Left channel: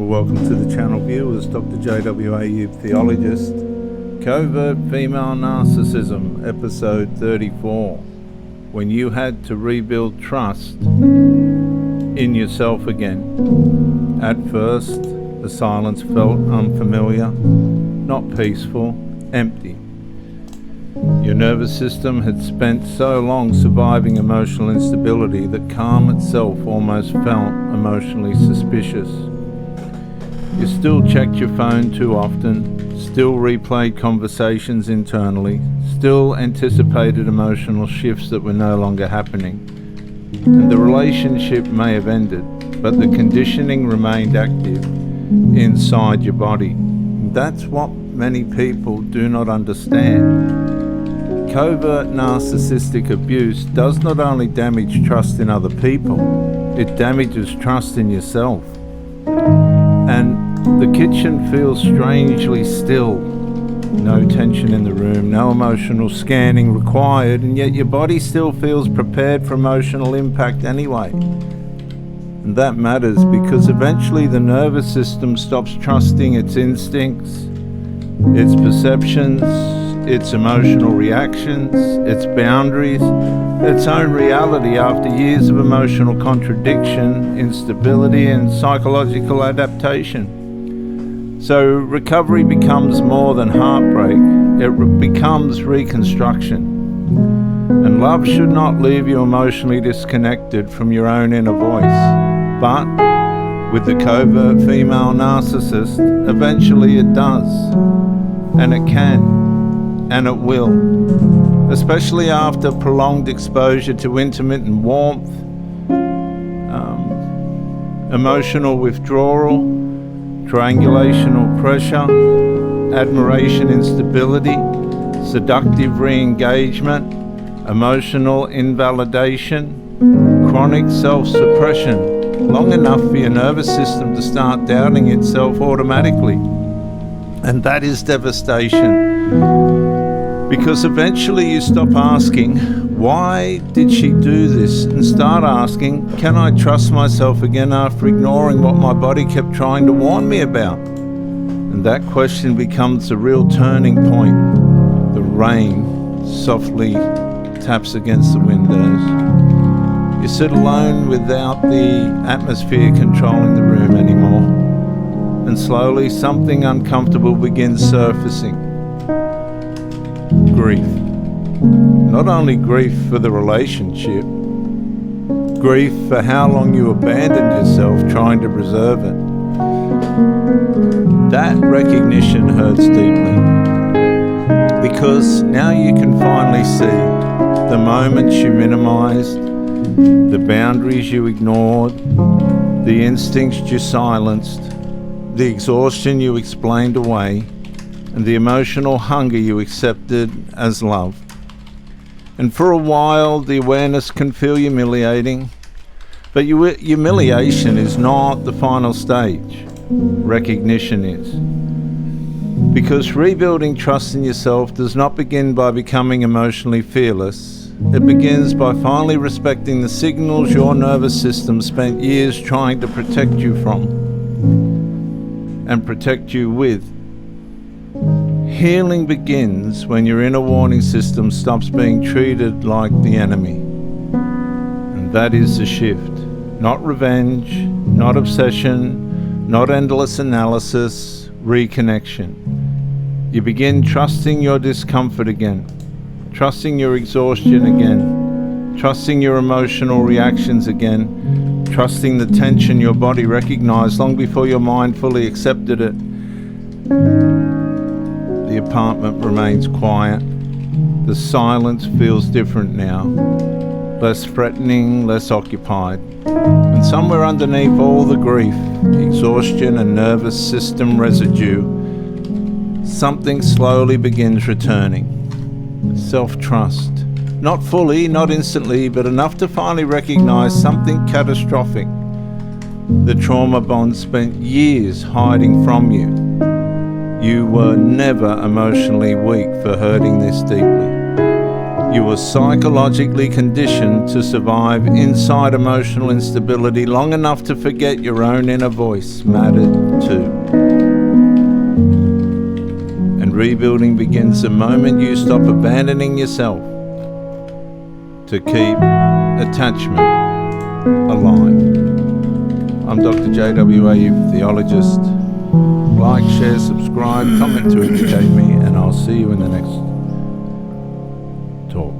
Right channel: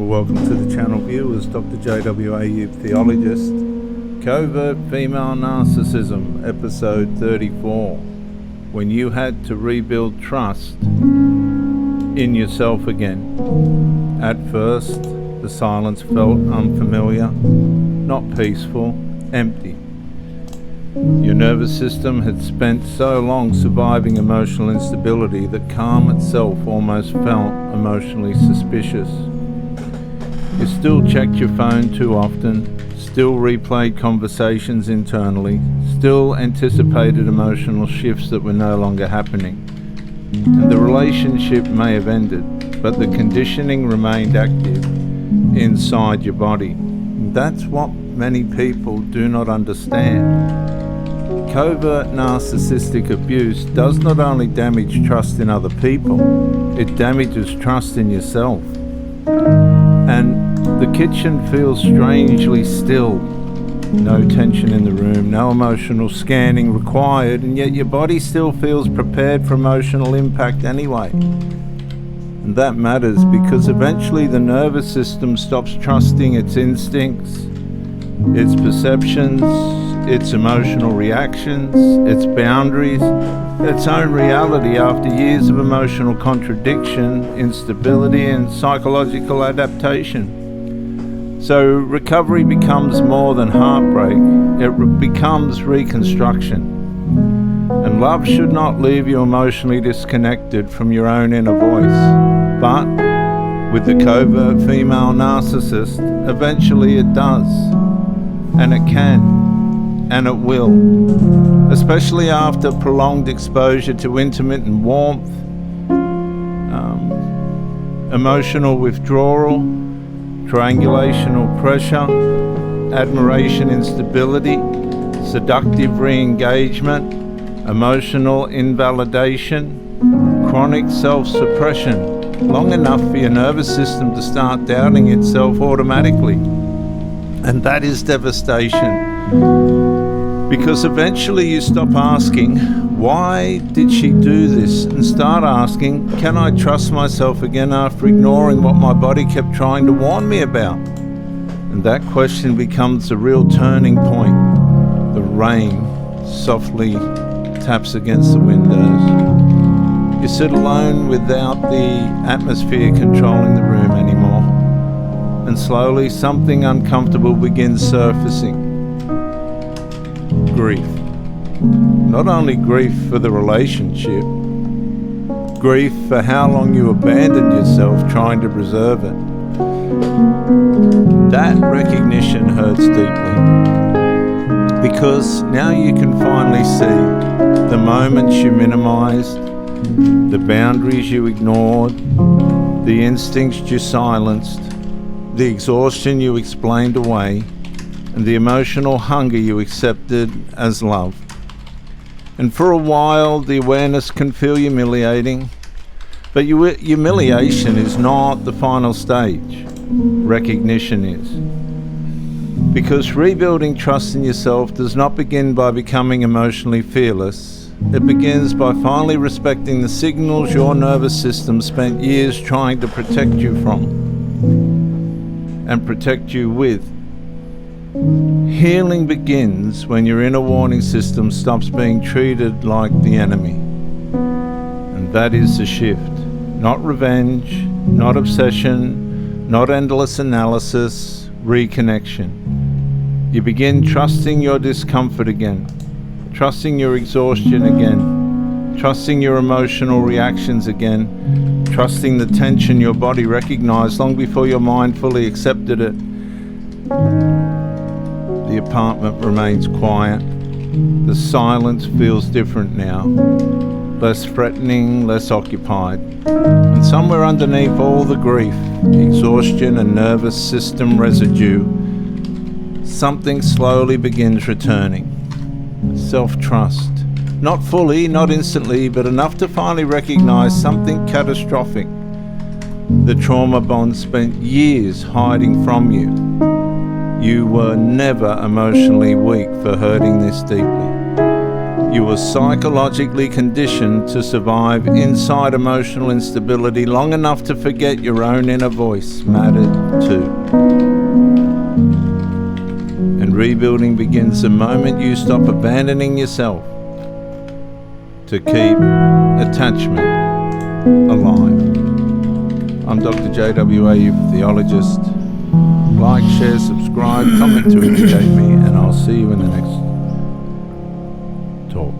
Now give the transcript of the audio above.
Well, welcome to the channel viewers. Dr. JWA, theologist. Covert Female Narcissism, episode 34. When you had to rebuild trust in yourself again. At first, the silence felt unfamiliar, not peaceful, empty. Your nervous system had spent so long surviving emotional instability that calm itself almost felt emotionally suspicious. You still checked your phone too often, still replayed conversations internally, still anticipated emotional shifts that were no longer happening. And the relationship may have ended, but the conditioning remained active inside your body. And that's what many people do not understand. Covert narcissistic abuse does not only damage trust in other people, it damages trust in yourself. And the kitchen feels strangely still. No tension in the room, no emotional scanning required, and yet your body still feels prepared for emotional impact anyway. And that matters because eventually the nervous system stops trusting its instincts, its perceptions, its emotional reactions, its boundaries, its own reality after years of emotional contradiction, instability, and psychological adaptation. So recovery becomes more than heartbreak, it becomes reconstruction. And love should not leave you emotionally disconnected from your own inner voice. But with the covert female narcissist, eventually it does. And it can. And it will. Especially after prolonged exposure to intermittent warmth, emotional withdrawal, triangulational pressure, admiration instability, seductive re-engagement, emotional invalidation, chronic self-suppression, long enough for your nervous system to start doubting itself automatically. And that is devastation. Because eventually you stop asking, why did she do this? And start asking, can I trust myself again after ignoring what my body kept trying to warn me about? And that question becomes the real turning point. The rain softly taps against the windows. You sit alone without the atmosphere controlling the room anymore. And slowly something uncomfortable begins surfacing. Grief. Not only grief for the relationship, grief for how long you abandoned yourself trying to preserve it. That recognition hurts deeply, because now you can finally see the moments you minimized, the boundaries you ignored, the instincts you silenced, the exhaustion you explained away, and the emotional hunger you accepted as love. And for a while, the awareness can feel humiliating, but humiliation is not the final stage. Recognition is. Because rebuilding trust in yourself does not begin by becoming emotionally fearless. It begins by finally respecting the signals your nervous system spent years trying to protect you from and protect you with. Healing begins when your inner warning system stops being treated like the enemy. And that is the shift. Not revenge, not obsession, not endless analysis, reconnection. You begin trusting your discomfort again, trusting your exhaustion again, trusting your emotional reactions again, trusting the tension your body recognized long before your mind fully accepted it. The apartment remains quiet. The silence feels different now. Less threatening, less occupied. And somewhere underneath all the grief, exhaustion and nervous system residue, something slowly begins returning. Self-trust. Not fully, not instantly, but enough to finally recognize something catastrophic. The trauma bond spent years hiding from you. You were never emotionally weak for hurting this deeply. You were psychologically conditioned to survive inside emotional instability long enough to forget your own inner voice mattered too. And rebuilding begins the moment you stop abandoning yourself to keep attachment alive. I'm Dr. J.W.A., theologist. Like, share, subscribe, comment to educate me, and I'll see you in the next talk.